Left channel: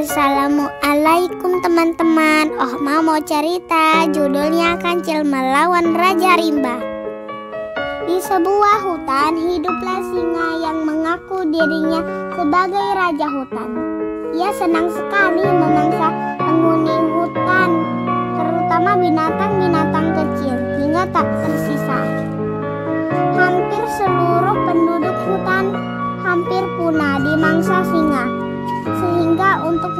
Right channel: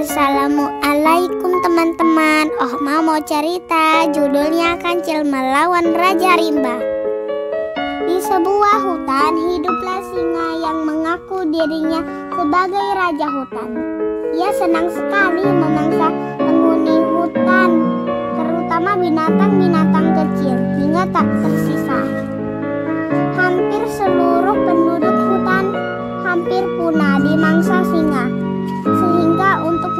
Assalamualaikum teman-teman. Mau cerita, judulnya Kancil Melawan Raja Rimba. Di sebuah hutan hiduplah singa yang mengaku dirinya sebagai raja hutan. Ia senang sekali memangsa penghuni hutan, terutama binatang-binatang kecil, hingga tak tersisa. Hampir seluruh penduduk hutan hampir punah dimangsa singa, sehingga untuk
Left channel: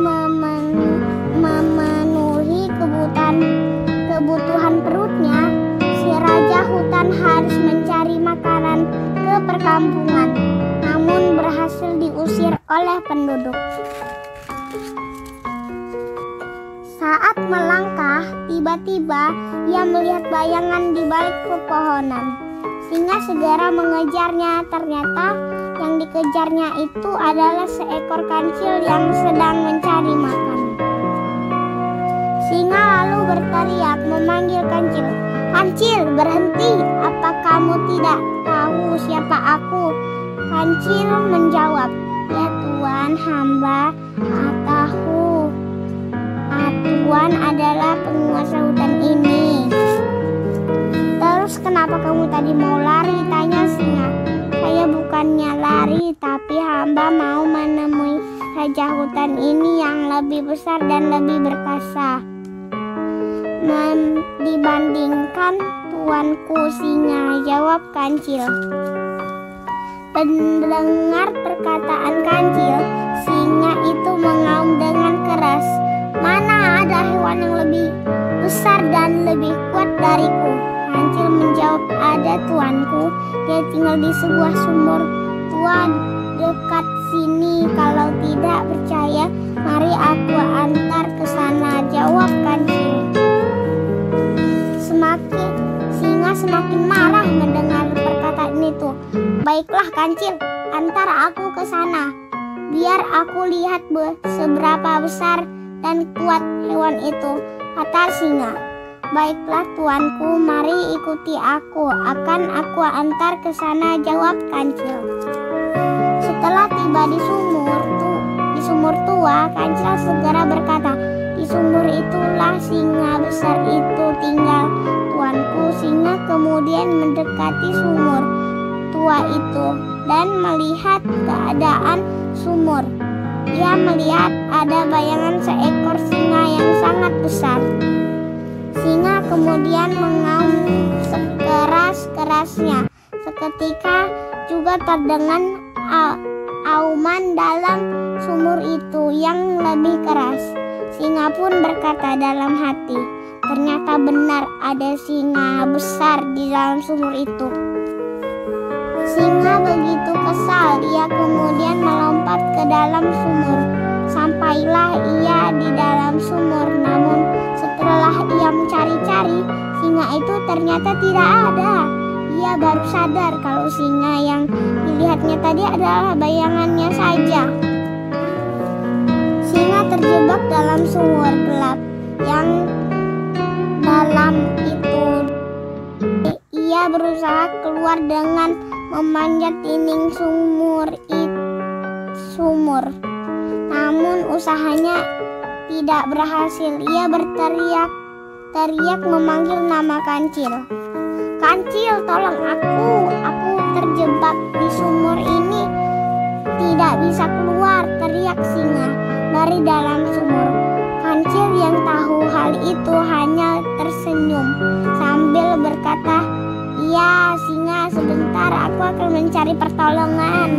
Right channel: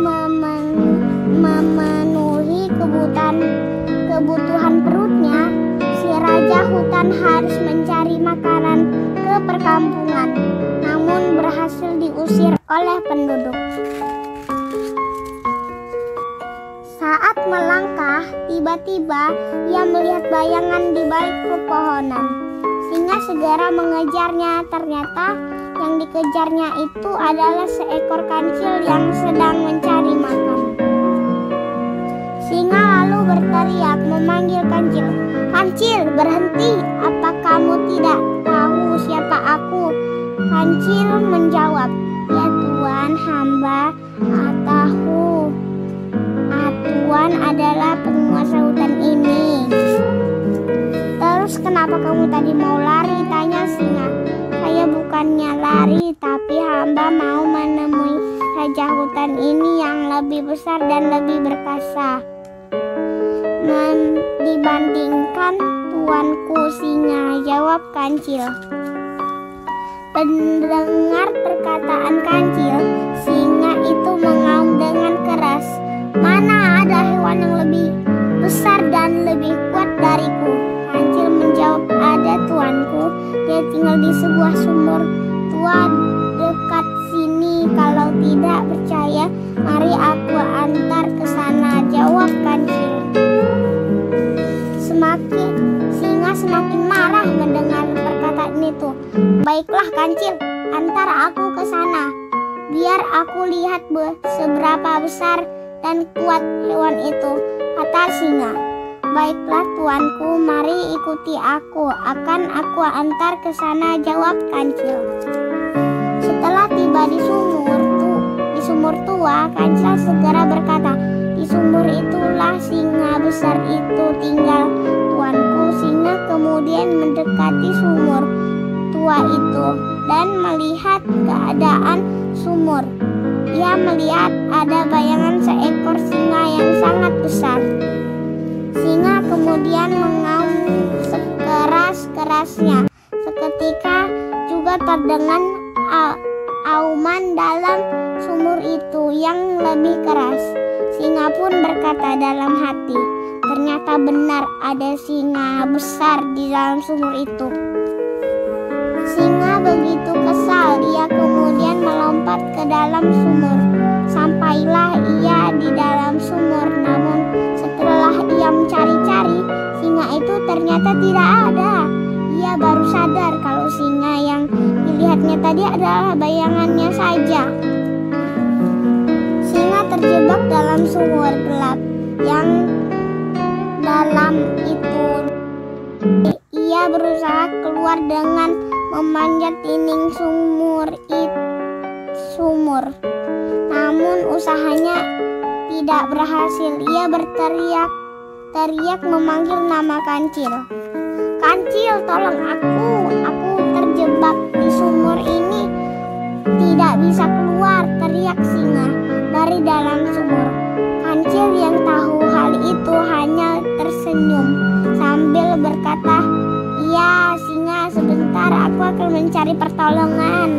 memenuhi kebutuhan perutnya, si raja hutan harus mencari makanan ke perkampungan, namun berhasil diusir oleh penduduk. Saat melangkah, tiba-tiba ia melihat bayangan di balik pepohonan. Singa segera mengejarnya. Ternyata yang dikejarnya itu adalah seekor kancil yang sedang mencari makan. Singa lalu berteriak memanggil kancil. "Kancil, berhenti! Apa kamu tidak tahu siapa aku?" Kancil menjawab, "Ya Tuan, hamba tahu. Tuan adalah penguasa hutan ini." "Terus kenapa kamu tadi mau lari?" tanya singa. "Saya bukannya lari, tapi hamba mau menemui raja hutan ini yang lebih besar dan lebih berkuasa dibandingkan tuanku singa," jawab kancil. Mendengar perkataan kancil, singa itu mengaum dengan keras. "Mana ada hewan yang lebih besar dan lebih kuat dariku?" Kancil menjawab, "Ada tuanku, dia tinggal di sebuah sumur tua dekat sini. Kalau tidak percaya, mari aku antar ke sana," jawab kancil. Singa semakin marah mendengar perkataan itu. "Baiklah kancil, antar aku ke sana. Biar aku lihat seberapa besar dan kuat hewan itu," kata singa. "Baiklah tuanku, mari ikuti aku. Akan aku antar ke sana," jawab kancil. Setelah tiba di sumur tua, kancil segera berkata, "Di sumur itulah singa besar itu tinggal, tuanku." Singa kemudian mendekati sumur tua itu dan melihat keadaan sumur. Ia melihat ada bayangan seekor singa yang sangat besar. Singa kemudian mengaum sekeras-kerasnya. Seketika juga terdengar auman dalam sumur itu yang lebih keras. Singa pun berkata dalam hati, "Ternyata benar ada singa besar di dalam sumur itu." Singa begitu kesal, ia kemudian melompat ke dalam sumur. Sampailah ia di dalam sumur, namun setelah ia mencari-cari, singa itu ternyata tidak ada. Ia baru sadar kalau singa yang dilihatnya tadi adalah bayangannya saja. Singa terjebak dalam sumur gelap yang dalam itu. Ia berusaha keluar dengan memanjat dinding sumur. Namun usahanya tidak berhasil. Ia berteriak memanggil nama kancil. "Kancil, tolong aku terjebak di sumur ini, tidak bisa keluar," teriak singa dari dalam sumur. Kancil yang tahu hal itu hanya tersenyum sambil berkata, "Iya singa, sebentar aku akan mencari pertolongan."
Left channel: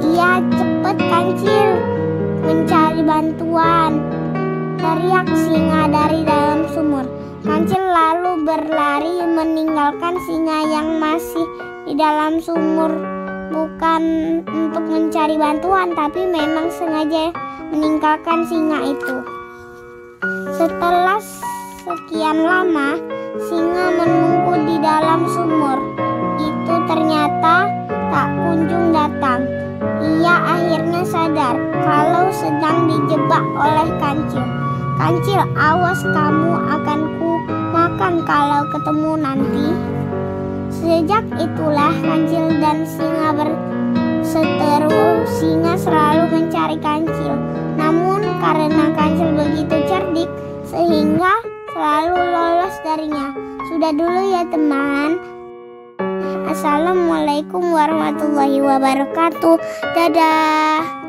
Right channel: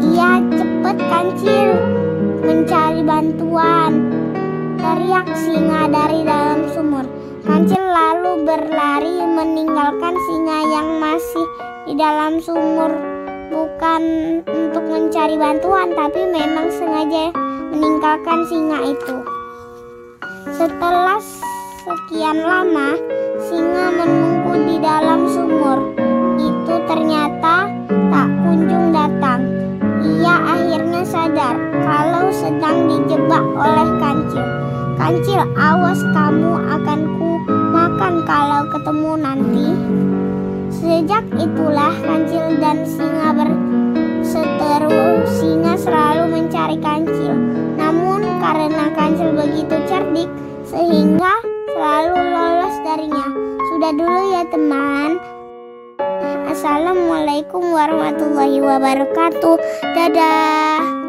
"Iya, cepat kancil, mencari bantuan," teriak singa dari dalam sumur. Kancil lalu berlari meninggalkan singa yang masih di dalam sumur, bukan untuk mencari bantuan, tapi memang sengaja meninggalkan singa itu. Setelah sekian lama, singa menunggu di dalam sumur itu ternyata tak kunjung datang. Ia akhirnya sadar kalau sedang dijebak oleh kancil. "Kancil, awas, kamu akan ku makan kalau ketemu nanti." Sejak itulah kancil dan singa berseteru. Singa selalu mencari kancil, namun Mungkin karena Kancil begitu cerdik sehingga selalu lolos darinya. Sudah dulu ya teman. Assalamualaikum warahmatullahi wabarakatuh. Dadah.